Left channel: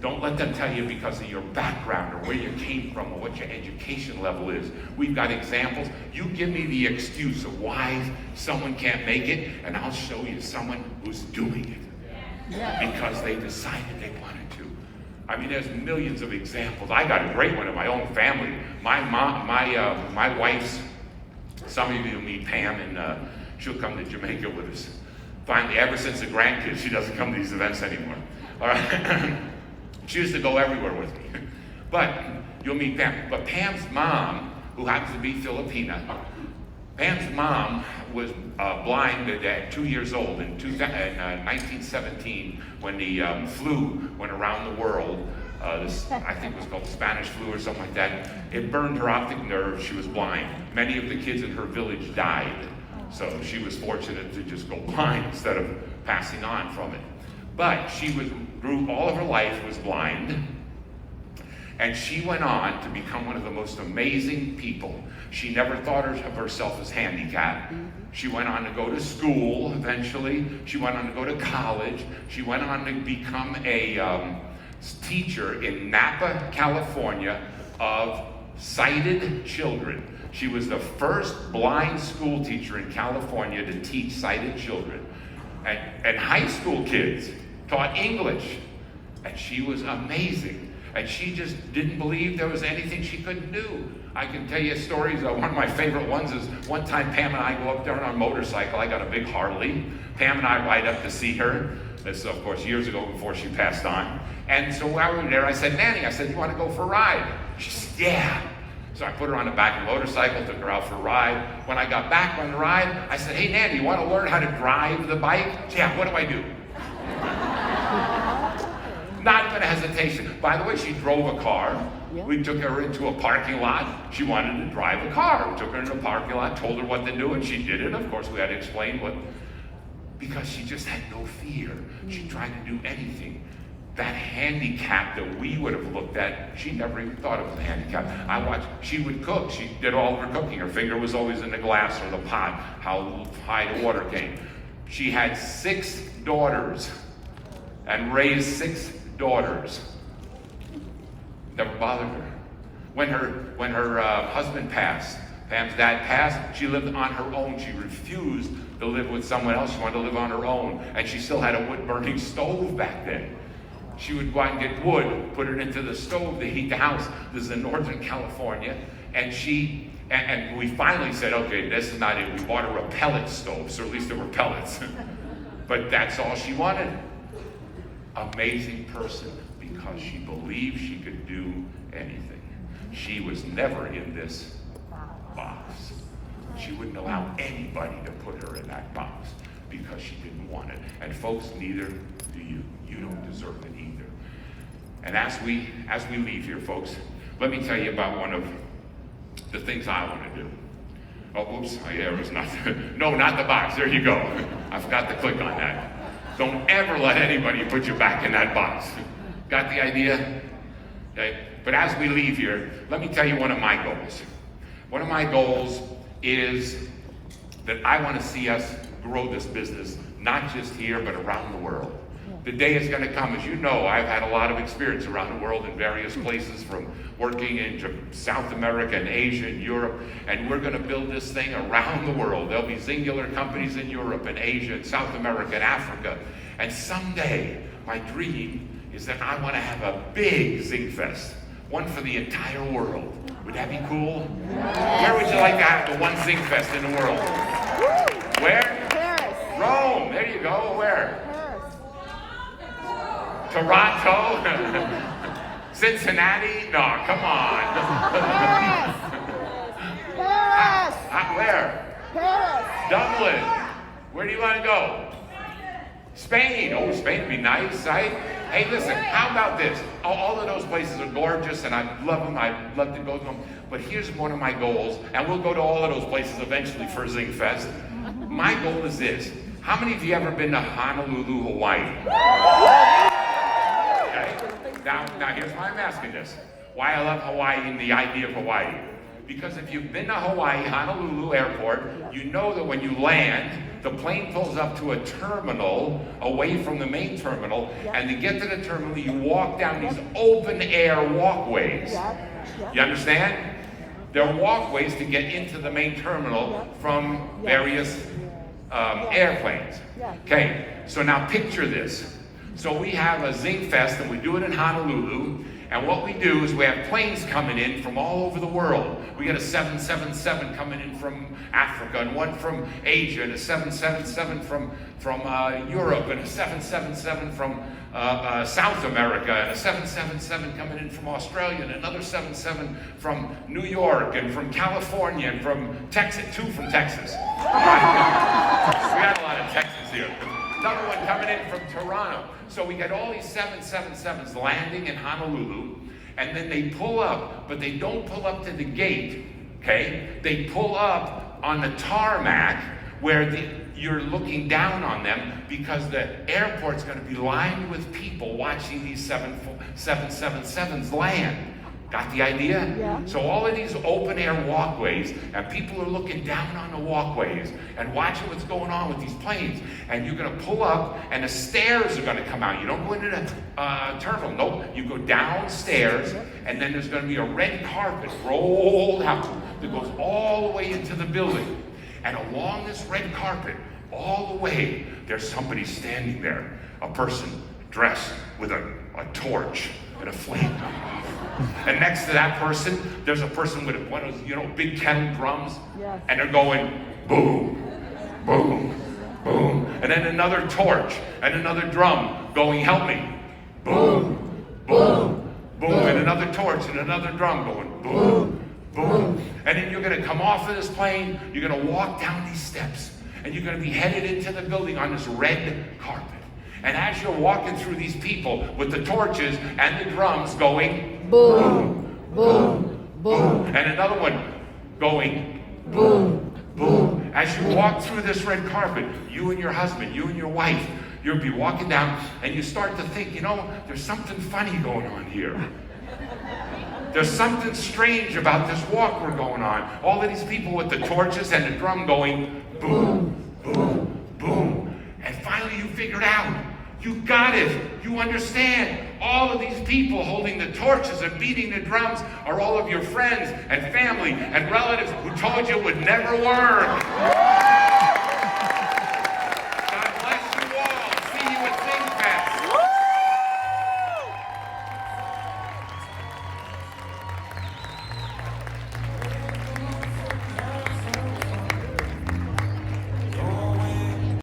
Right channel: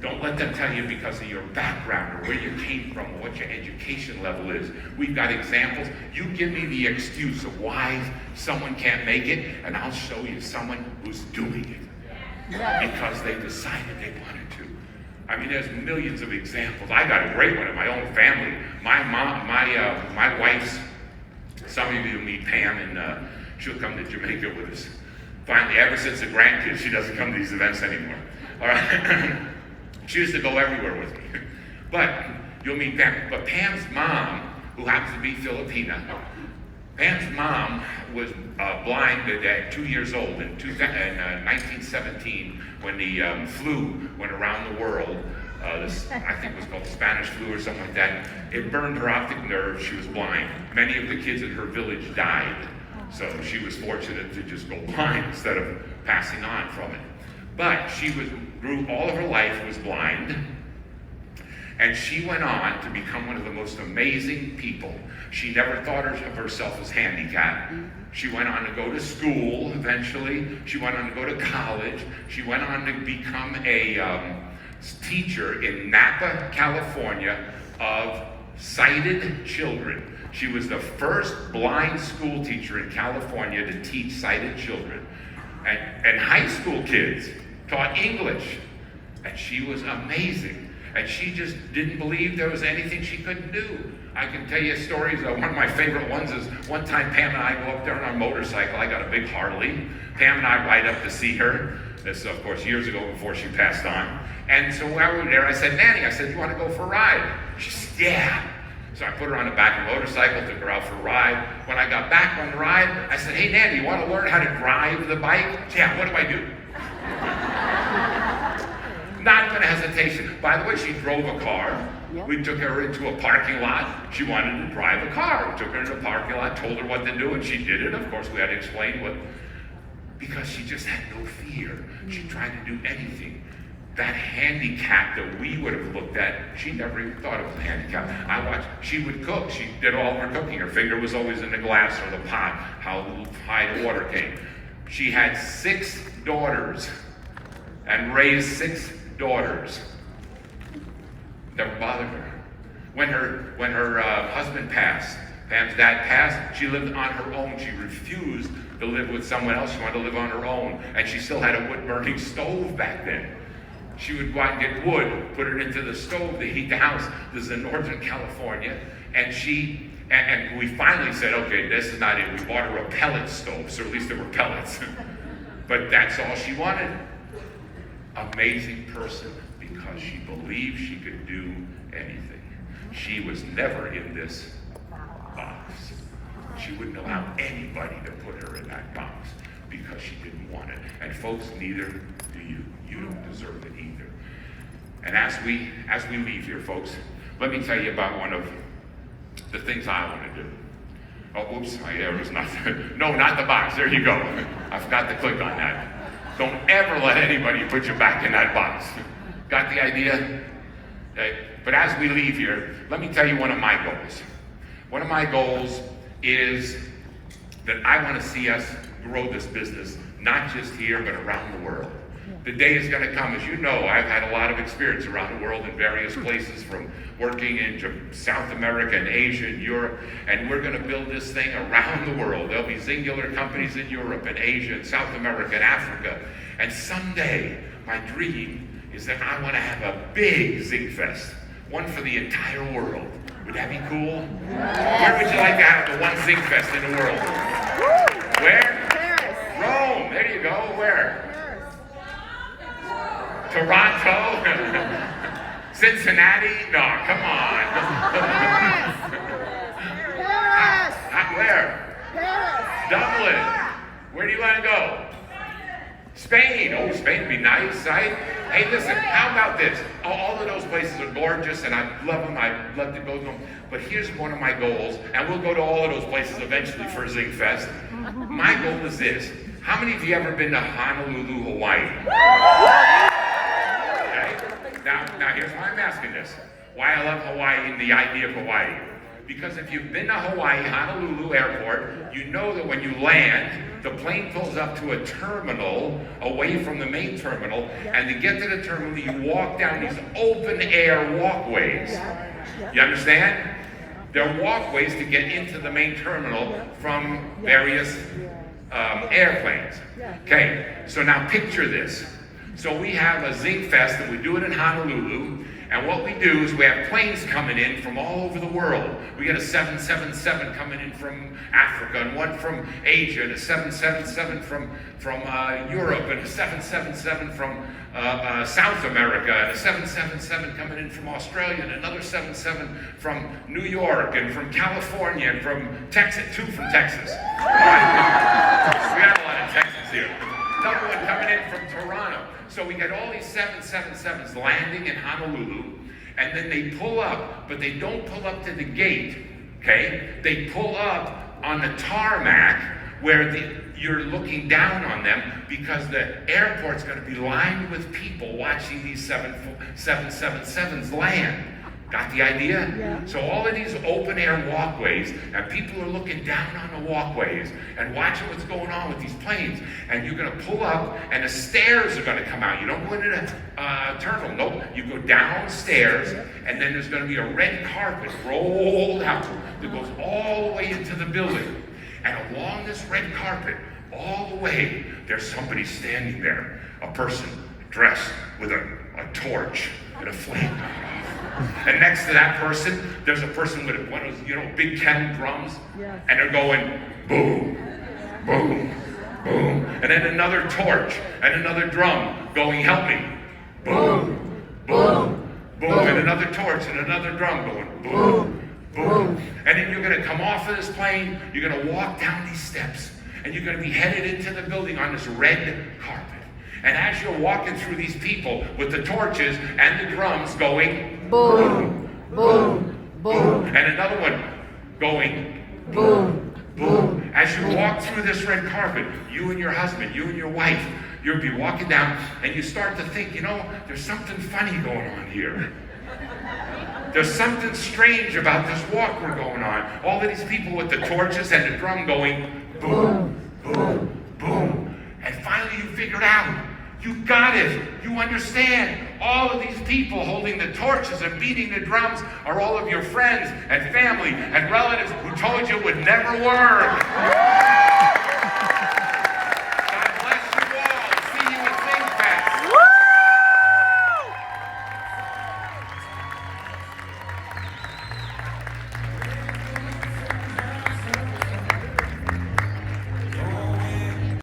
Don't let them tell you because of your background or where you came from or what your education level is. We've got examples. You give me the excuse of why someone can't make it, and I'll show you someone who's doing it. Yeah. Because they decided they wanted to. I mean, there's millions of examples. I got a great one in my own family. My mom, my wife's, some of you meet Pam, and she'll come to Jamaica with us. Finally, ever since the grandkids, she doesn't come to these events anymore. All right. She used to go everywhere with me. But you'll meet Pam. But Pam's mom, who happens to be Filipina, Pam's mom was blind at 2 years old in 1917 when the flu went around the world. I think it was called the Spanish flu or something like that. It burned her optic nerve. She was blind. Many of the kids in her village died. So she was fortunate to just go blind instead of passing on from it. But she grew all of her life was blind, and she went on to become one of the most amazing people. She never thought of herself as handicapped. She went on to go to school eventually. She went on to go to college. She went on to become a teacher in Napa, California, of sighted children. She was the first blind school teacher in California to teach sighted children. And high school kids taught English. And she was amazing. And she just didn't believe there was anything she couldn't do. I can tell you stories. One of my favorite ones is one time Pam and I go up there on our motorcycle. I got a big Harley. Pam and I ride up to see her. This, of course, years ago before she passed on. And so while we were there, I said, Nanny, I said, you want to go for a ride? She said, yeah. So I put her on the back of the motorcycle, took her out for a ride. When I got back on the ride, I said, hey, Nanny, you want to learn how to drive the bike? Yeah, what do I do? Not even a hesitation. By the way, she drove a car. We took her into a parking lot. She wanted to drive a car. We took her into a parking lot, told her what to do, and she did it. Of course, we had to explain what, because she just had no fear. She tried to do anything. That handicap that we would have looked at, she never even thought of as a handicap. I watched, she would cook. She did all of her cooking. Her finger was always in the glass or the pot, how high the water came. She had 6 daughters and raised 6 daughters. Never bothered her. When her husband passed, Pam's dad passed, she lived on her own. She refused to live with someone else. She wanted to live on her own. And she still had a wood-burning stove back then. She would go out and get wood, put it into the stove to heat the house. This is in Northern California. And we finally said, okay, this is not it. We bought her a pellet stove, so at least there were pellets. But that's all she wanted. Amazing person, because she believed she could do anything. She was never in this box. She wouldn't allow anybody to put her in that box because she didn't want it. And folks, neither do you. You don't deserve it either. And as we leave here, folks, let me tell you about one of the things I want to do. Oh, oops, there was nothing. No, not the box. There you go. I forgot to click on that. Don't ever let anybody put you back in that box. Got the idea? Okay. But as we leave here, let me tell you one of my goals. One of my goals is that I want to see us grow this business, not just here, but around the world. The day is going to come. As you know, I've had a lot of experience around the world in various places, from working in South America and Asia and Europe, and we're going to build this thing around the world. There'll be singular companies in Europe and Asia and South America and Africa. And someday, my dream is that I want to have a big Xyngfest, one for the entire world. Would that be cool? Where would you like to have the one Xyngfest in the world? Where? Paris. Rome. There you go. Where? Toronto? Cincinnati? No, come on. Paris. Where? Paris. Dublin. Where do you want to go? Spain. Oh, Spain would be nice, right? Hey, listen, how about this? All of those places are gorgeous, and I love them. I'd love to go to them. But here's one of my goals, and we'll go to all of those places eventually for Xyngfest. My goal is this. How many of you ever been to Honolulu, Hawaii? Now here's why I'm asking this. Why I love Hawaii and the idea of Hawaii. Because if you've been to Hawaii, Honolulu Airport, you know that when you land, the plane pulls up to a terminal away from the main terminal, and to get to the terminal, you walk down these open air walkways. You understand? They're walkways to get into the main terminal from various airplanes. Okay, so now picture this. So we have a Xyngfest, and we do it in Honolulu. And what we do is we have planes coming in from all over the world. We get a 777 coming in from Africa, and one from Asia, and a 777 from Europe, and a 777 from South America, and a 777 coming in from Australia, and another 777 from New York, and from California, and from Texas, 2 from Texas. We got a lot of Texans here. Another one coming in from Toronto. So we get all these 777s landing in Honolulu, and then they pull up, but they don't pull up to the gate, okay? They pull up on the tarmac where you're looking down on them, because the airport's going to be lined with people watching these 777s land. Got the idea? Yeah. So all of these open air walkways, and people are looking down on the walkways and watching what's going on with these planes. And you're going to pull up, and the stairs are going to come out. You don't go into the terminal. Nope. You go downstairs, and then there's going to be a red carpet rolled out that goes all the way into the building. And along this red carpet, all the way, there's somebody standing there, a person dressed with a torch and a flame. And next to that person, there's a person with one of those, big kettle drums. Yes. And they're going boom, boom, boom. And then another torch and another drum going, help me. Boom, boom, boom. And another torch and another drum going boom, boom. And then you're going to come off of this plane, you're going to walk down these steps, and you're going to be headed into the building on this red carpet. And as you're walking through these people with the torches and the drums going boom, boom, boom, and another one going boom, boom. As you walk through this red carpet, you and your husband, you and your wife, you'll be walking down, and you start to think, there's something funny going on here. There's something strange about this walk we're going on. All of these people with the torches and the drum going boom, boom, boom. And finally you figured out. You got it. You understand. All of these people holding the torches and beating the drums are all of your friends and family and relatives who told you it would never work.